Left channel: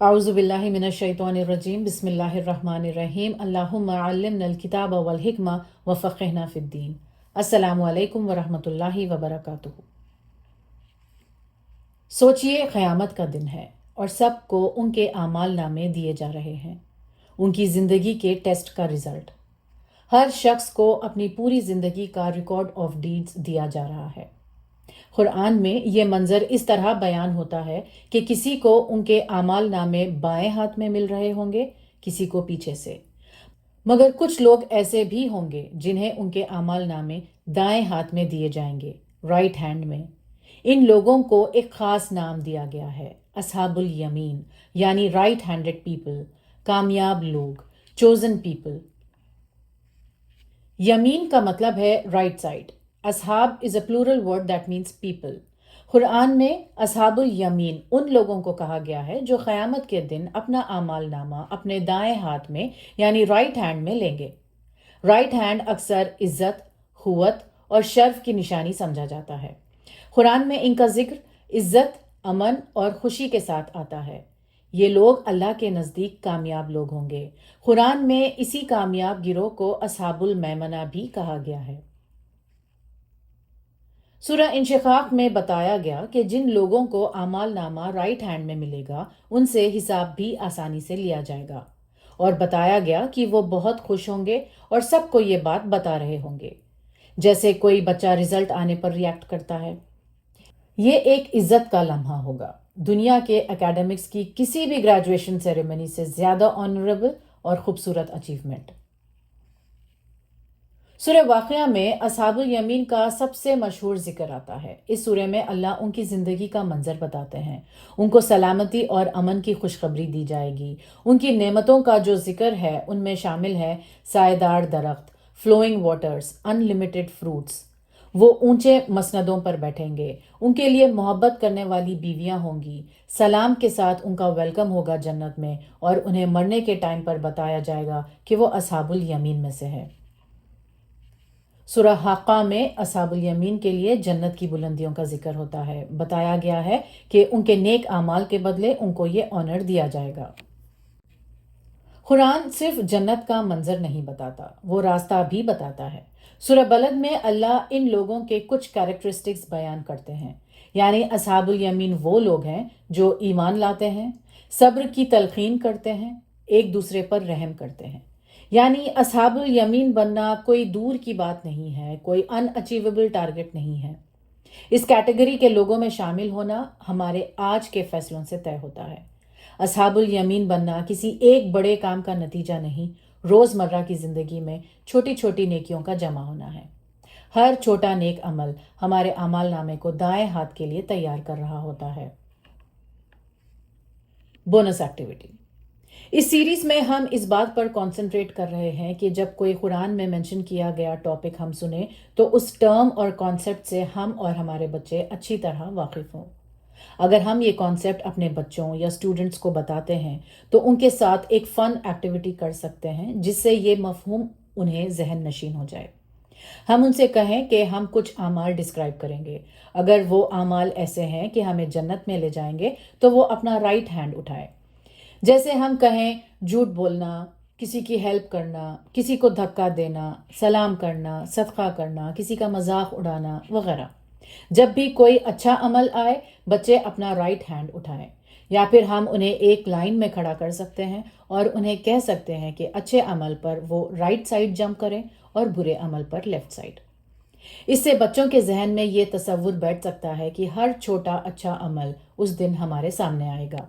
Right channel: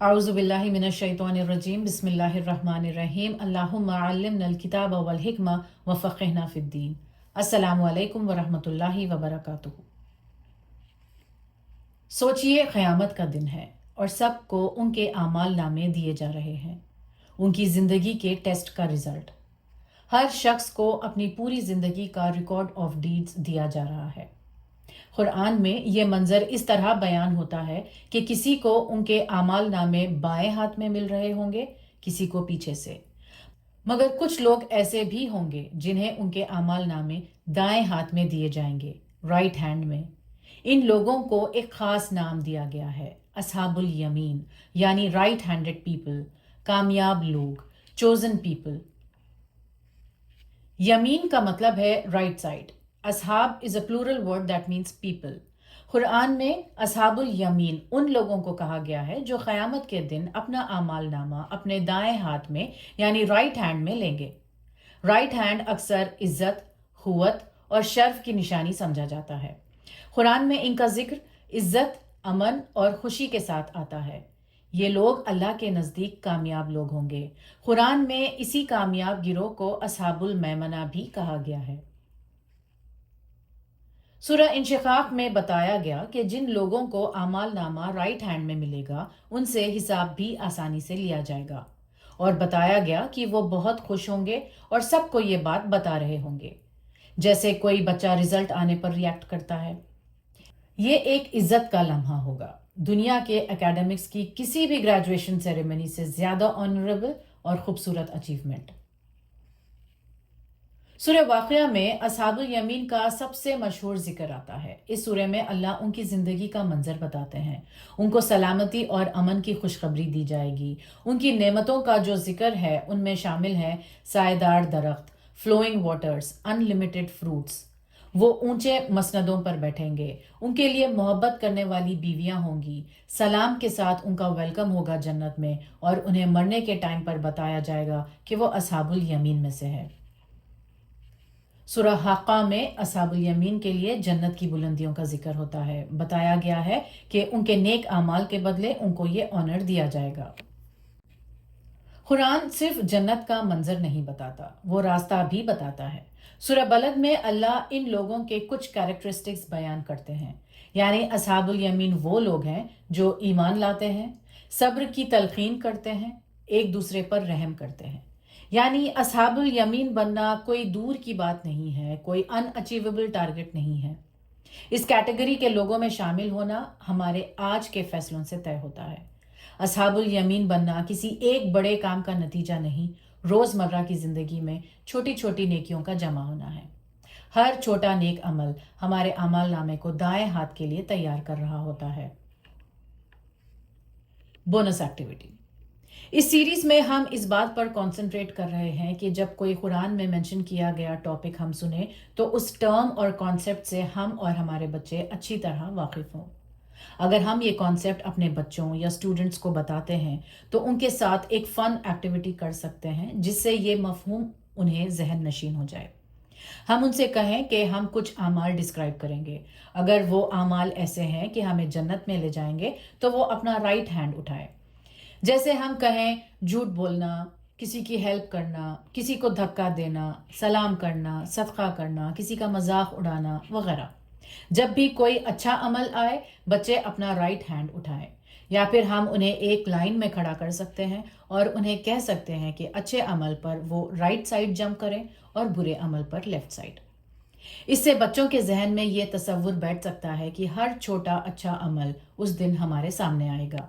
अऊज़ु बिल्लाहि मिनश शैतानिर रजीम बिस्मिल्लाहिर रहमानिर रहीम अल्लाहुम्मा अल्लिमनल किताब वल हिकमा व फ़क़िहना फ़िद्दीन। अस्सलामु अलैकुम व रहमतुल्लाहि व बरकातुहू। सोचिए, क़यामत का दिन है और सबको उनके आमाल नामे दिए जा रहे हैं, उनकी ज़िंदगी के टेस्ट का रिज़ल्ट। हर शख्स को अपनी पूरी ज़िंदगी का रिकॉर्ड ऑफ डीड्स दिया जा रहा है। कुरान में ये मंजर इस तरह बयान होता है कि किसी को उनके आमाल नामे बाएं हाथ में मिल रहे होंगे, किसी को पीछे से। मगर कुछ लोग ऐसे भी होंगे जिन्हें उनके आमाल नामे दाएं हाथ में दिए जाएंगे, राइट हैंड में। इन लोगों को एक खास नाम दिया गया है, असहाबुल यमीन, यानी राइट हैंडेड पीपल, कामयाब लोग, चोजन पीपल। यमीन का मतलब है राइट साइड। असहाब is a plural word that means people. Quran में असहाबुल यमीन उन लोगों को कहा गया है जो क़यामत के दिन अपना आमाल नामा अपने दाएं हाथ में यानी राइट हैंड में लेंगे। राइट हैंड अक्सर इज्जत, खुवत और शर्फ की निशानी समझा जाता है। कुरान में इनका जिक्र इज्जत, अमन और खुशी के साथ आता है। ये लोग अल्लाह के नज़दीक कामयाब लोग होंगे। कुरान में इसी कामयाब गिरोह को असहाबुल मैमना भी कहा गया है। सूरह इंशिकाक में बताया गया कि जिन लोगों को आमाल नामा राइट हैंड में मिलेगा उनसे हिसाब भी आसानी से लिया जाएगा, और बताया गया कि वो बहुत खुश होंगे और सबको ये बात बता रहे होंगे, जैसे कोई बच्चा रिजल्ट आने पर रिएक्ट करता है। ये एक इज्जत का लम्हा होगा, दुनिया के एकेडमिक्स की किसी भी ग्रेजुएशन सेरेमनी से ज़्यादा ऑनरेबल और खूबसूरत अचीवमेंट। सूरह वाक़िया में असहाबुल यमीन का सबसे मशहूर जिक्र आता है। इस सूरह में अल्लाह उनकी ज़िंदगी का मंजर बताते हैं। उनको सलामती और अमन की खुशखबरी दी जाएगी। उनकी नेमतों का जो जिक्र है उनमें शामिल है सायेदार दरख्त, फ्लोइंग वाटर्स, अनलिमिटेड फ्रूट्स। वो ऊंचे मसनदों पर बैठेंगे, उनके लिए मोहब्बत करने वाली बीवियां होंगी, सलाम के साथ उनका वेलकम होगा जन्नत में, और उन्हें मरने के टाइम पर बताया जाएगा कि वो असहाबुल यमीन में से है। सूरह हाक़ा में असहाबुल यमीन के लिए जन्नत की बुलंदियों का जिक्र होता है। बताया गया है कि उनके नेक आमाल के बदले उनको ये ऑनर दिया जाएगा। कुरान सिर्फ जन्नत का मंजर नहीं बताता, वो रास्ता भी बताता है। सूरह बलद में अल्लाह इन लोगों के कुछ कैरेक्टरिस्टिक्स बयान करते हैं, यानी असहाबुल यमीन वो लोग हैं जो ईमान लाते हैं, सब्र की तलकीन करते हैं, एक दूसरे पर रहम करते हैं। यानी असहाबुल यमीन बनना कोई दूर की बात नहीं है, कोई अनअचीवेबल टारगेट नहीं है। इस कैटेगरी के लोगों में शामिल होना हमारे आज के फैसलों से तय होता है। असहाबुल यमीन बनना किसी एक बड़े काम का नतीजा नहीं, रोज़मर्रा की ज़िंदगी में छोटी छोटी नेकियों का जमा होना है। हर छोटा नेक अमल हमारे अमाल नामे को दाएं हाथ के लिए तैयार कर रहा होता है। Bonus activity. इस सीरीज में हम इस बात पर कंसंट्रेट कर रहे हैं कि जब कोई कुरान में मेंशन किया गया टॉपिक हम सुने तो उस टर्म और कॉन्सेप्ट से हम और हमारे बच्चे अच्छी तरह वाकिफ हों। अगर हम ये कॉन्सेप्ट अपने बच्चों या स्टूडेंट्स को बताते हैं तो उनके साथ एक फ़न एक्टिविटी कर सकते हैं जिससे ये मफहूम उन्हें जहन नशीन हो जाए। हम उनसे कहें कि हम कुछ आमाल डिस्क्राइब करेंगे। अगर वो आमाल ऐसे हैं कि हमें जन्नत में ले जाएंगे तो वो अपना राइट हैंड उठाए। जैसे हम कहें झूठ बोलना, किसी की हेल्प करना, किसी को धक्का देना, सलाम करना, सदका करना, किसी का मजाक उड़ाना वगैरह। जब भी कोई अच्छा अमल आए बच्चे अपना राइट हैंड उठाएं, या फिर हम उन्हें एक लाइन में खड़ा कर सकते हैं और उन्हें कह सकते हैं कि अच्छे अमल पर वो राइट साइड जंप करें और बुरे अमल पर लेफ्ट साइड। इससे बच्चों के जहन में ये तसव्वुर बैठ सकता है कि हर छोटा अच्छा अमल उस दिन हमारे सामने आएगा।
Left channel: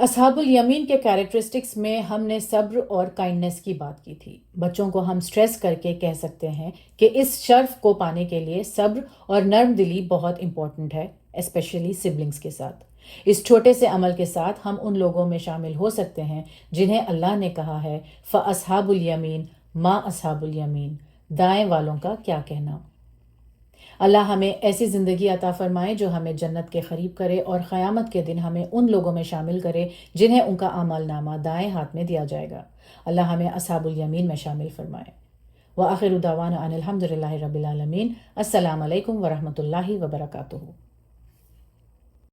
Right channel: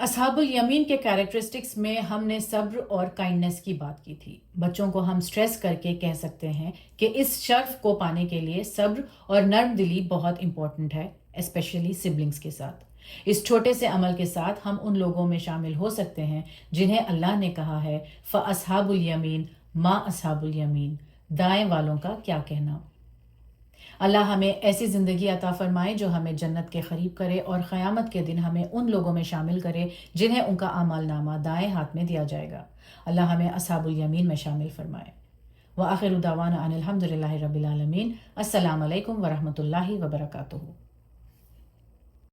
असहाबुल यमीन के कैरेक्टरिस्टिक्स में हमने सब्र और काइंडनेस की बात की थी। बच्चों को हम स्ट्रेस करके कह सकते हैं कि इस शर्फ को पाने के लिए सब्र और नर्म दिली बहुत इंपॉर्टेंट है, स्पेशली सिबलिंग्स के साथ। इस छोटे से अमल के साथ हम उन लोगों में शामिल हो सकते हैं जिन्हें अल्लाह ने कहा है फ़अस्हाबुल यमीन मा अस्हाबुल यमीन, दाएं वालों का क्या कहना। अल्लाह हमें ऐसी ज़िंदगी अता फ़रमाए जो हमें जन्नत के करीब करे और क़यामत के दिन हमें उन लोगों में शामिल करे जिन्हें उनका आमाल नामा दाएं हाथ में दिया जाएगा। अल्लाह हमें अस्हाबुल यमीन में शामिल फ़रमाए। व आखिरु दावाना अनिल हम्दुलिल्लाहि रब्बिल आलमीन। अस्सलामु अलैकुम व रहमतुल्लाहि व बरकातुहू।